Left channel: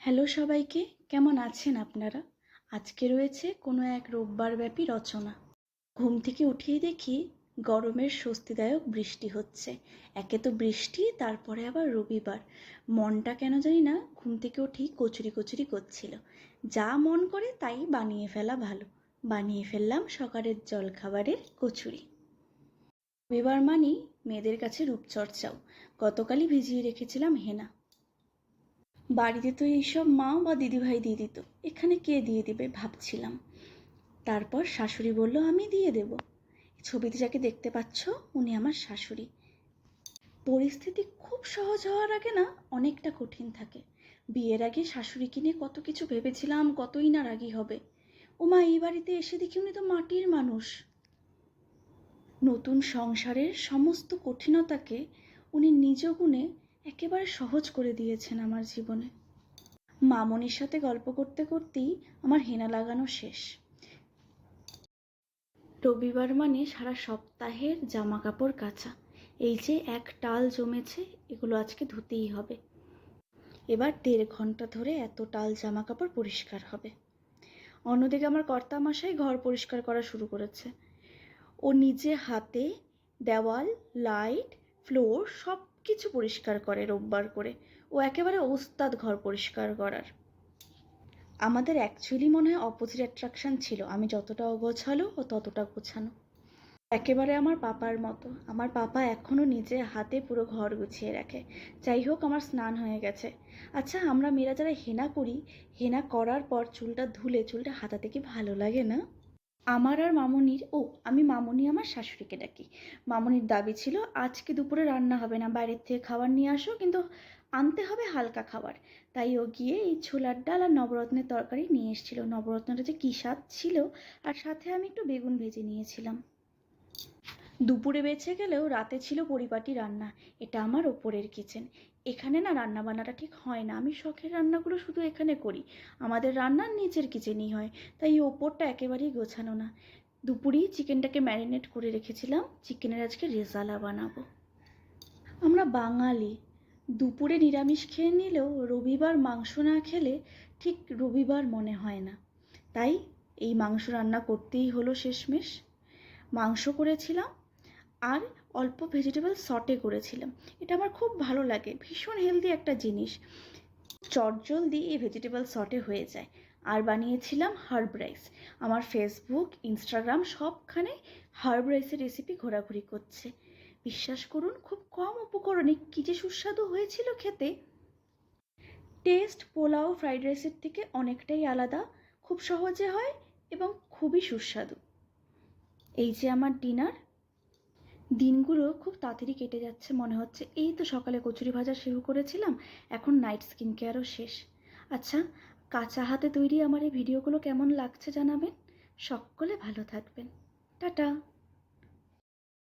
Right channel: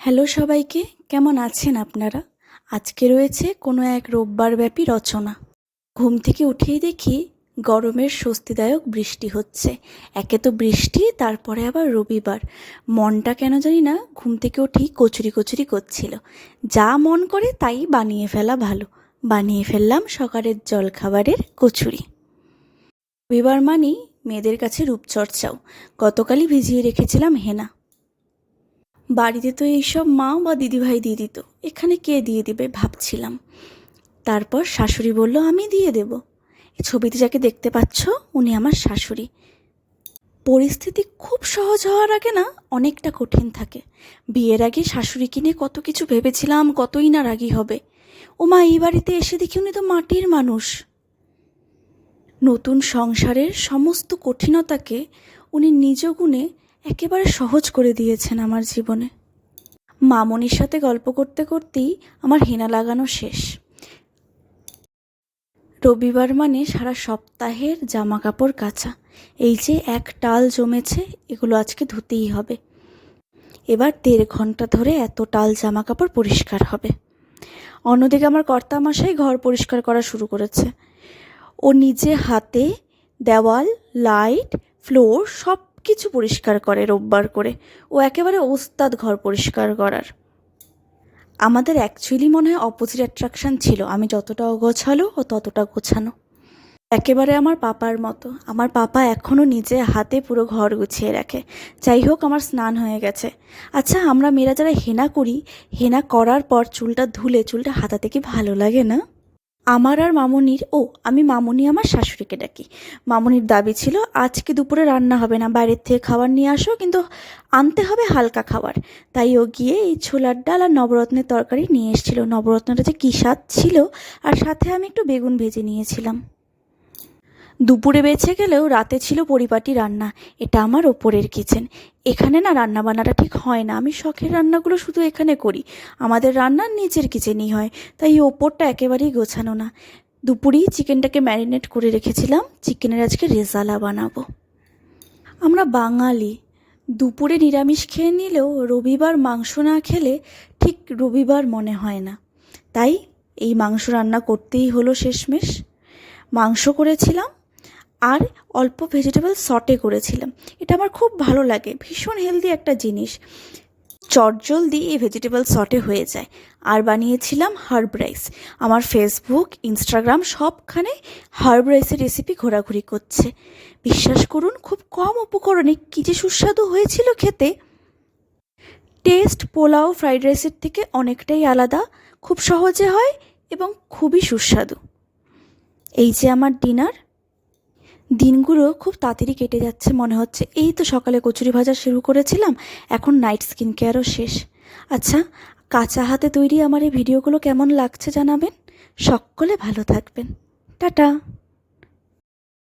Hello সবাইকে, কেমন আছেন আপনারা? আজকে রয়েছে কোনো এক রোববার ব্যাপী রচনা। ঘুম থেকে উঠেই দেখি গরমের স্বস্তিদায়ক বৃষ্টি হচ্ছে। একে তো বৃষ্টি, তারপরে আবার রবিবার। মনটা কেন জানি না ঘুম থেকে উঠেই কচুরি কচুরি করছিল। যা মন করে তাই বানিয়ে ফেলা ভালো। বানিয়ে ফেললাম সকালের জলখাবারের কচুরি। রবিবার মানেই মেয়েদের কাছে রূপচর্চাও। গতকালই ভিজিয়ে রেখেছিলাম হেনা। বাড়িতে তো এইসব মা বা দিদিভাই দিয়ে দিত, এখানে কে দিয়ে দিবে ভাবছিলাম। তারপর শাশুড়ি বলল আমি দিয়ে দেব। এই ছবিতে যাকে দেখতে পাচ্ছ উনি আমার শাশুড়ি। পরিস্থিতি খুব সহজ হওয়ার আগে না অনেকটা কঠিন থাকে। বিয়ের আগে শাশুড়িকে নিয়ে কত কিছু ভেবেছিলাম, কতই না রাগী হবে। ও মা, এই বাড়িতে এসে দেখি উনি তো মাটির মানুষ। নতুন সংসারের সমস্ত কঠিনতাকে উনি নিজ গুণে একেবারে সহজ করে দিয়েছেন আমার জীবনে। মামনির সাথে গল্প করতে করতেই আমার হেনা লাগানো শেষ। রবিবার মানে সারা সপ্তাহের জামা কাপড় কাচা। এই যে এক টাল জমেছে, এগুলো আজকে ধুতেই হবে। এবার 1.5 ঘন্টা ধরে এত টাল জামা কাপড় পরিষ্কার হবে। অন্যদিকে আমার কর্তামশাই ঘর পরিষ্কার করা শুরু করেছে। ও নিজে হাতে দেওয়াল, লাইট, ফ্লোর সব কিছু পরিষ্কার করে রোববার করে। ও একেবারে ওস্তাদ ঘর পরিষ্কার করার। আমাদের অ্যাকচুয়ালি মনে হয় অপোজিট অ্যাট্রাকশান ছিল। আমি যতটা অগোছালো ও ততটা গোছানো। একেবারে আমার পাপার মতো। আমার পাপা এখনও নিজে হাতে পুরো ঘর গুছিয়ে রাখে। যাই হোক, আমার স্নান হয়ে গেছে। আচ্ছা, আমরা মেয়েরা যারা হেনা করি, হেনা করার পর চুলটা ধুলে চুলটা হাতাতে কি ভালো লাগে না? আমার আর মামনির, আমি মামনি আমার শাশুড়িকে ডাকি। মামনির দাবি ছিল আজকে দুপুরে রান্না হবে না, বাইরের থেকে খাবার নিয়ে আসো, কিন্তু আনতে হবে হালকা খাবার। তাই ও গিয়ে এই ছোলার ডাল আর নবরত্নের তরকারি নিয়ে এসেছিল। নবরত্নটা যে কী স্বাদ ছিল! আর সাথে আমি একটু বেগুন ভেজে নিয়েছিলাম। দুপুরে বেঁচে গেলেও রাতে ছিল পরিপাটি রান্না। এটা আমার ওপরের কিচেন। এখানে না রান্না বান্নাটা ঠিক হয় না। আমি শখের রান্নাগুলো শুধু এখানে করি। আমাদের রান্না নিচের কিচেনই হয়, তাই ওপরটা একেবারেই গোছানো না। দুপুরেই চিকেনটাকে ম্যারিনেট করে রেখেছিলাম। চিকেনের আজকে রেজালা বানাবো। আমরা বাঙালি, দুপুরে নিরামিষ খেয়ে নিলেও রবিবার মাংস না খেলে ঠিক রবিবার মনে হয় না। তাই এই মাংস রান্না করতেই হলো শেষমেশ। মাংস করেছিলাম আর অল্প ভেজিটেবল সটে করেছিলাম। এটা আমার খুব ভালো লাগে, ভীষণ হেলদি একটা জিনিস। চটজলদি এই ভেজিটেবল সটে হয়ে যায়। আর বানিয়েছিলাম হার্ব রাইস। আমার ফেসবুক, ইনস্টাগ্রাম সবখানে হার্ব রাইসের রেসিপি ঘোরাঘুরি করছে। বিশ্বাস করুন, খুব কম উপকরণে কী যে সুস্বাদু হয়েছিল খেতে। টেস্ট পোলাও, ফ্রাইড রাইসের থেকে অনেকটাই আলাদা, খুব সহজে হয় এবং খুবই সুস্বাদু। এই যে আমার ডিনার। দিনগুলো খুব তাড়াতাড়ি কেটে যাচ্ছে মনে হচ্ছে। এই তো সকালে কচুরি ভাজা শুরু করেছিলাম, এখন নাইট স্কিন কেয়ারও শেষ। আচ্ছা, কাঁচা হাতে তৈরি আমার এই ভিডিওগুলো কেমন লাগছে জানাবেন। সকলে ভালো থাকবেন। টাটা।